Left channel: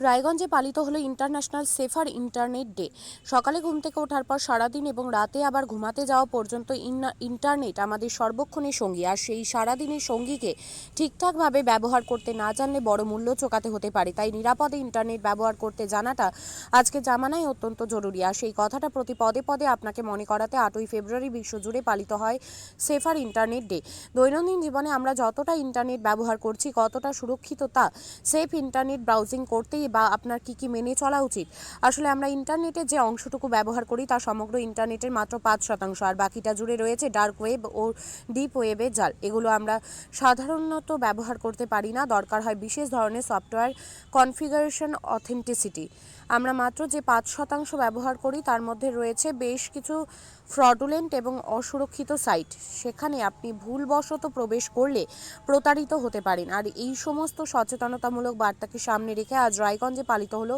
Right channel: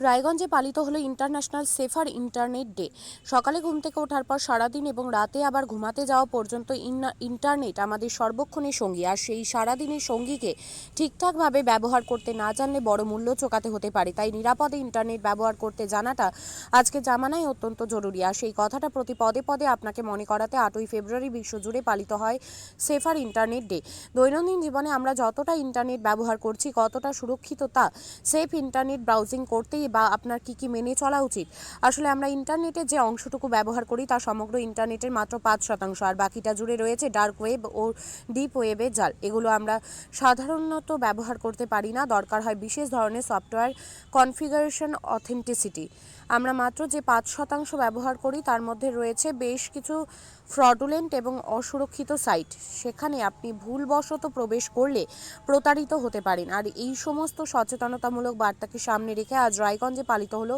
রায়গঞ্জে পালিত হলো ইন্টারন্যাশনাল সেফার ইন্টারনেট ডে। সকালে ঘুম থেকে ওঠার পর সারাদিন এবং রাতে আবার ঘুমাতে যাওয়া পর্যন্ত ইন্টারনেট আমাদের সর্বক্ষণের সঙ্গী। আর সেই সারাদিনের সঙ্গীকে ঠিকঠাকভাবে ব্যবহার করতে না জানলে বড় মূল্য চোকাতে হতে পারে। তাই নিরাপদে ইন্টারনেট ব্যবহার করতে জানাটা আজকে জামানায় অত্যন্ত জরুরি। আর সেই কথাটা প্রতি পদে পদে আপনাকে মনে করাতে 8ই ফেব্রুয়ারি বিশ্বজুড়ে পালিত হয় সেফার ইন্টারনেট ডে। দৈনন্দিন জীবনে আমরা যতটা ইন্টারনেট ব্যবহার করছি, কতটা সুরক্ষিত তা সেফ ইন্টারনেট ব্রাউজিং করতেই বা আপনার কি মেনে চলা উচিত। আসলে আমরা ইন্টারনেটের যে অংশটুকু ব্যবহার করি তা সমগ্র ইন্টারনেটের মাত্র 5%, আর বাকিটা জুড়ে রয়েছে ডার্ক ওয়েব ও ডিপ ওয়েবের জাল। এগুলো আমরা সাধারণত ব্যবহার করতে পারি না। দরকার হয় বিশেষ ধরনের সফটওয়্যার কনফিগারেশন অথেন্টিসিটি। আমরা মাত্র যে 5% ব্যবহার করি তার মধ্যে রয়েছে বেশ কিছু ফ্রডুলেন্ট এবং অসুরক্ষিত সাইট। সেখানে আপনি ভুলবশত প্রবেশ করলে প্রতারিত হতে পারেন। আর এই সমস্ত সচেতনতামূলক বার্তাকে সামনে রেখে আজ রায়গঞ্জে পালিত হলো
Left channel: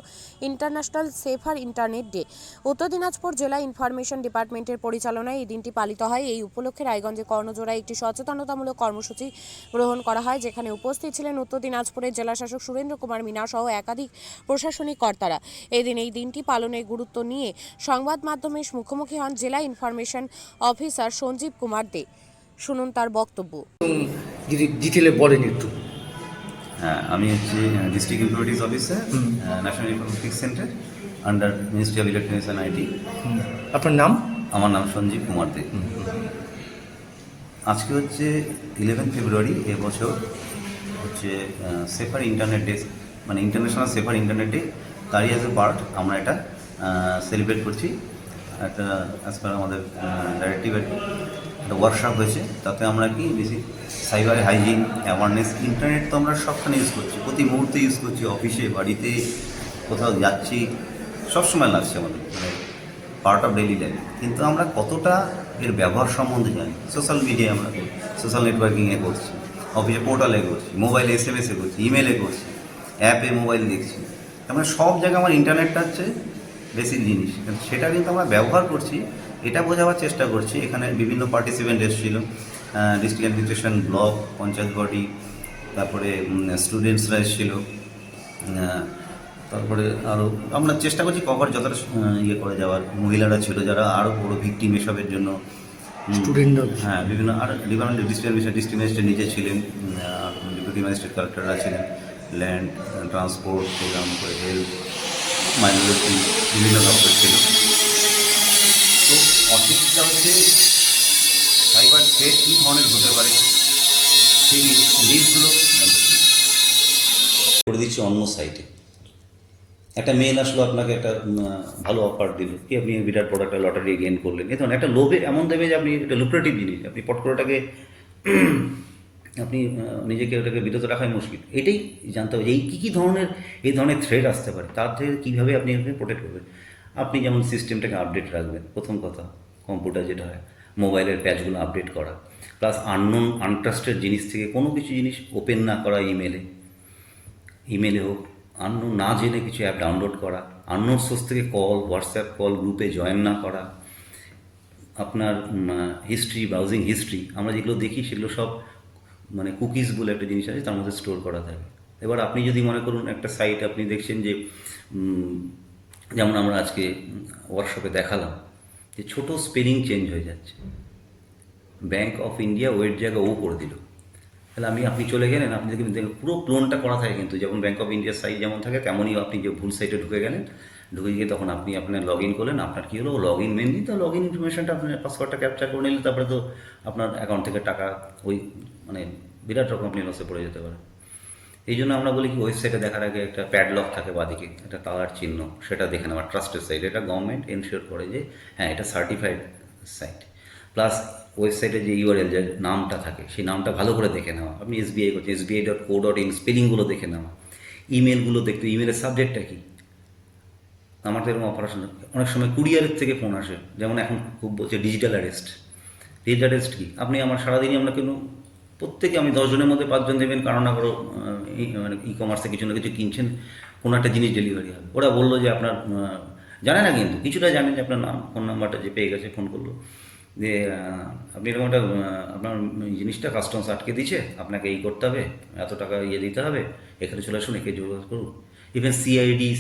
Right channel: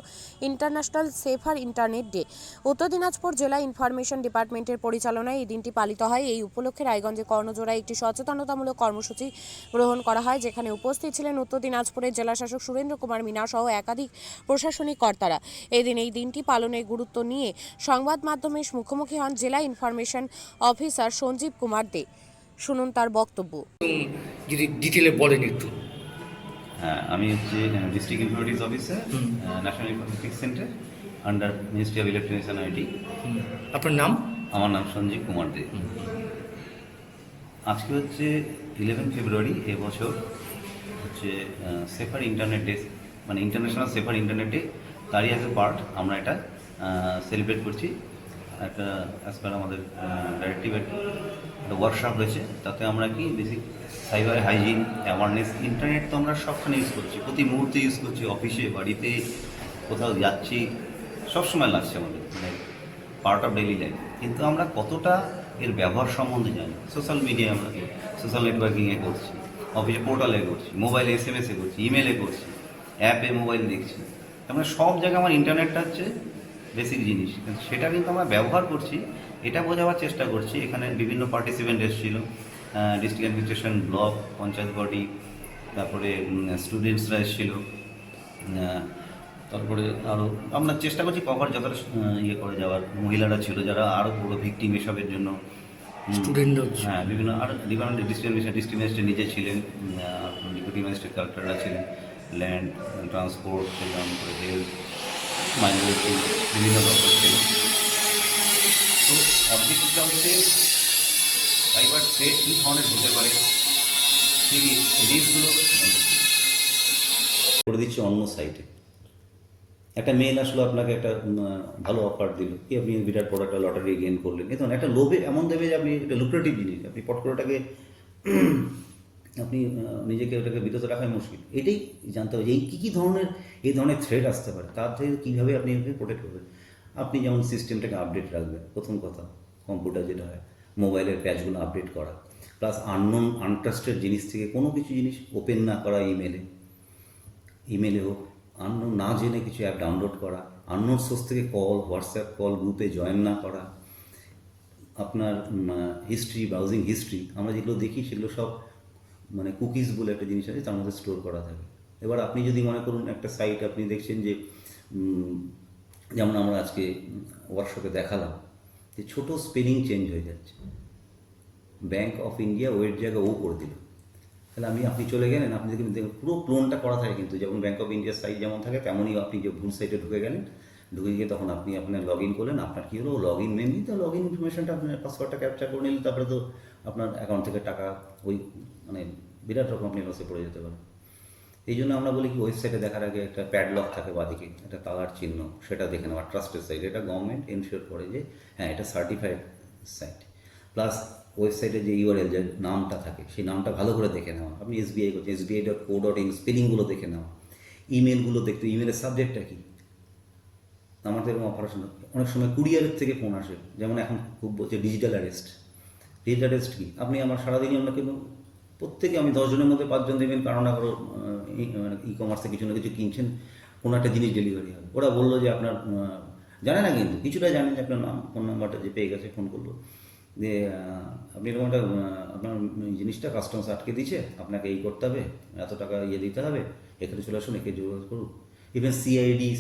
ইন্টারন্যাশনাল সেফার ইন্টারনেট ডে। উত্তর দিনাজপুর জেলা ইনফরমেশন ডিপার্টমেন্টের পরিচালনায় এই দিনটি পালিত হয়। এই উপলক্ষে রায়গঞ্জে কর্ণজোড়ায় একটি সচেতনতামূলক কর্মসূচি গ্রহণ করা হয়, যেখানে উপস্থিত ছিলেন উত্তর দিনাজপুরের জেলাশাসক সুরেন্দ্র কুমার মিনা সহ একাধিক প্রশাসনিক কর্তারা। এদিন এই দিনটি পালনের গুরুত্ব নিয়ে সংবাদ মাধ্যমের মুখোমুখি হন জেলা ইনফরমেশন অফিসার সঞ্জীব কুমার দে। শুনুন তার বক্তব্য। যদি ডিটেলে বলেন একটু। হ্যাঁ, আমি হচ্ছি district informatics officer, national informatics centre, under ministry of electronics and IT. আপনার নাম? আমার নাম সঞ্জীব কুমার দে। আজকে হচ্ছে 11 ফেব্রুয়ারি। এবছর হচ্ছে সেফার ইন্টারনেট ডে, মানে ইন্টারন্যাশনাল সেফার ইন্টারনেট ডে। তারই অ্যাজ এ পার্ট আমরা এটা সেলিব্রেট করছি। একটা অ্যাজ পার আমাদের ডাইরেক্টিভের একটা ওয়ার্কশপ হয়েছে, তাতে আমরা কি basic cyber hygiene awareness. Internet তো আমরা সবখানে ইউজ করছি, প্রতি মুহূর্তে ইউজ করছি, অফিসে, বাড়িতে, কোথাও যাচ্ছি, সবসময় লাগছে আমাদের, মানে পার্ট অফ ডেইলি লাইফ। কিন্তু আমরা কতটা এর ব্যবহার সম্বন্ধে জানি? সোশ্যাল মিডিয়ায় আমরা সোশ্যাল নেটওয়ার্কিংয়ে করছি, অফিসে পোর্টালে করছি, মোবাইলে SMS-এ করছি, ইমেলে করছি, অ্যাপে মোবাইল দেখছি। তার মানে সব জায়গায় আমার ইন্টারনেটটা হচ্ছে বেসিক জিনিস। সেটা কিন্তু আমরা ব্যবহার করছি, এটা বোঝাবার চেষ্টা করছি। এখানে বিভিন্ন পার্টিসিপেন্ট এসেছিল, district administration, block, panchayat body, তারপরে স্টুডেন্টসরা এসেছিল। তারপরে আরও আমরা চেষ্টা করছি কভার যতটা ইয়ে করে যাওয়ার। মহিলারা ছিল যারা আরও বড় ভিকটিম এসবের জন্য, স্টুডেন্ট। হ্যাঁ, বিভিন্ন আর ডিস্ট্রিক্ট ম্যাজিস্ট্রেট নিজে ছিলেন, ডেপুটি ম্যাজিস্ট্রেট কালেক্টররা ছিলেন, ল্যান্ড ট্রান্সপোর্ট প্রোগ্রাম করে, হেলথ, মাইনরিটি, বিভিন্ন দপ্তর ছিল। তো অনেকটা হচ্ছে সাইবার থ্রেট কী ধরনের হতে পারে সেই লিস্টগুলো করে দিচ্ছি অন্য সাইটে। একটা মেল আসলো, আপনাকে একটা ভালো অফার দিল, কি আপনি বিরাট বড় একটা লটারি গেইন করলেন, এই ধরনের একটা লোভে এমন দেবে যে আপনি একটা লুক্রেটিভ জিনিস, আপনি পট করে ওটাকে আপনি নিজেকে ওটাকে বিরত রাখাই মুশকিল। এটাই জানতে হবে এই কী ধরনের এই ধরনের থ্রেট আসতে পারে, তার থেকে কীভাবে আপনি এখানে প্রোটেক্ট করবেন। আপনি যেমন সিস্টেমটাকে আপডেট রাখবেন, প্রথম কথা। কম্পিউটার যেটা হয়, মোবাইলের প্যাচগুলো আপডেট করা, প্লাস আননোন আনট্রাস্টেড জিনিস থেকে কোনো কিছু জিনিস ওপেন না করা। ইমেলে হোক, আননোন না জেনে কিছু অ্যাপ ডাউনলোড করা, আননোন সোর্স থেকে কল, হোয়াটসঅ্যাপ কল গ্রুপে জয়েন না করা। আপনার হিস্ট্রি, ব্রাউজিং হিস্ট্রি, আমরা যেগুলো দেখি সেগুলো সব মানে কুকিজ বলে একটা জিনিস আছে, তার মধ্যে স্টোর করা থাকে। এবার আপনি যদি মনে করুন একটা সাইট আপনি দেখছেন যে যেমন আমরা আজকে ওয়ার্কশপে দেখালাম যে ছোটো স্পেলিং চেঞ্জ হয়ে যাচ্ছে, ব্যাঙ্ক অফ ইন্ডিয়া ওয়ের জায়গা ও করে দিল, তাহলে আপনি চলে গেলেন, আপনি দেখবেন পুরো ক্লোনটা করা থাকে কিন্তু, যেমন ব্যাঙ্ক অফ ইন্ডিয়ার সাইট যেমন থাকে তেমনই আপনি যে ভুল সাইটে ঢুকে গেলেন, ঢুকে গিয়ে তখন আপনি আপনার লগ ইন করলেন। আপনার কী হলো, লগ ইন মেনলি তো লগ ইন ইনফরমেশনটা আপনার পাসওয়ার্ডটা ক্যাপচার করে নিলেন, তারপরে তো আপনার অ্যাকাউন্ট থেকে টাকা ওই মানে বিরাট রকম আপনি লসে পড়ে যেতে পারেন। এই জন্য আমরা বলি কি, ওয়েবসাইটে দেখার আগে একটা প্যাডলক থাকে বাদিকে, একটা তালার চিহ্ন, সেটা দেখে নেওয়া। ট্রাস্টেড সাইট, এটা গভর্নমেন্ট এনশিওর করে যে হ্যাঁ এটা সার্টিফাইড সাইট। প্লাস ওয়েবসাইটে যে ইউআরএল, যে নামটা থাকে, সেই নামটা ভালো করে দেখে নেওয়া। আপনি SBI করছেন, SBI.co.in স্পেলিংগুলো দেখে নেওয়া। ইমেলগুলো দেখতে, ইমেলের সাবজেক্টটা কী। আমাদের এরকম অপারেশন অনেক সময় কুরিয়ারের থেকে ফোন আসে, যেমন এখন খুব বলছে ডিজিটাল অ্যারেস্ট। ডিজিটাল অ্যারেস্ট কী, আপনি আমার সারাদিনই আমরা কেন প্রত্যেকে, আমি 10 জনের মধ্যে 5 জন দেবেন কারো না কারো মানে ই-কমার্সে কিছু না কিছু কিনছেন, কোনো একটা জিনিস ডেলিভারি হবে। ওরা বললো যে আপনার জানে না, কিন্তু কিছুটা জানেন যে আপনার নাম, ফোন নাম্বারটা যে পেয়ে গেছে, ফোন করলো যে আপনি এরকম একটা আপনার জিনিসটা কাস্টমস আটকে দিচ্ছে, আপনাকে এই করতে হবে, এত টাকা ইয়ে দিতে হবে, এখানে চলে আসুন, একে যোগাযোগ করুন। Even CID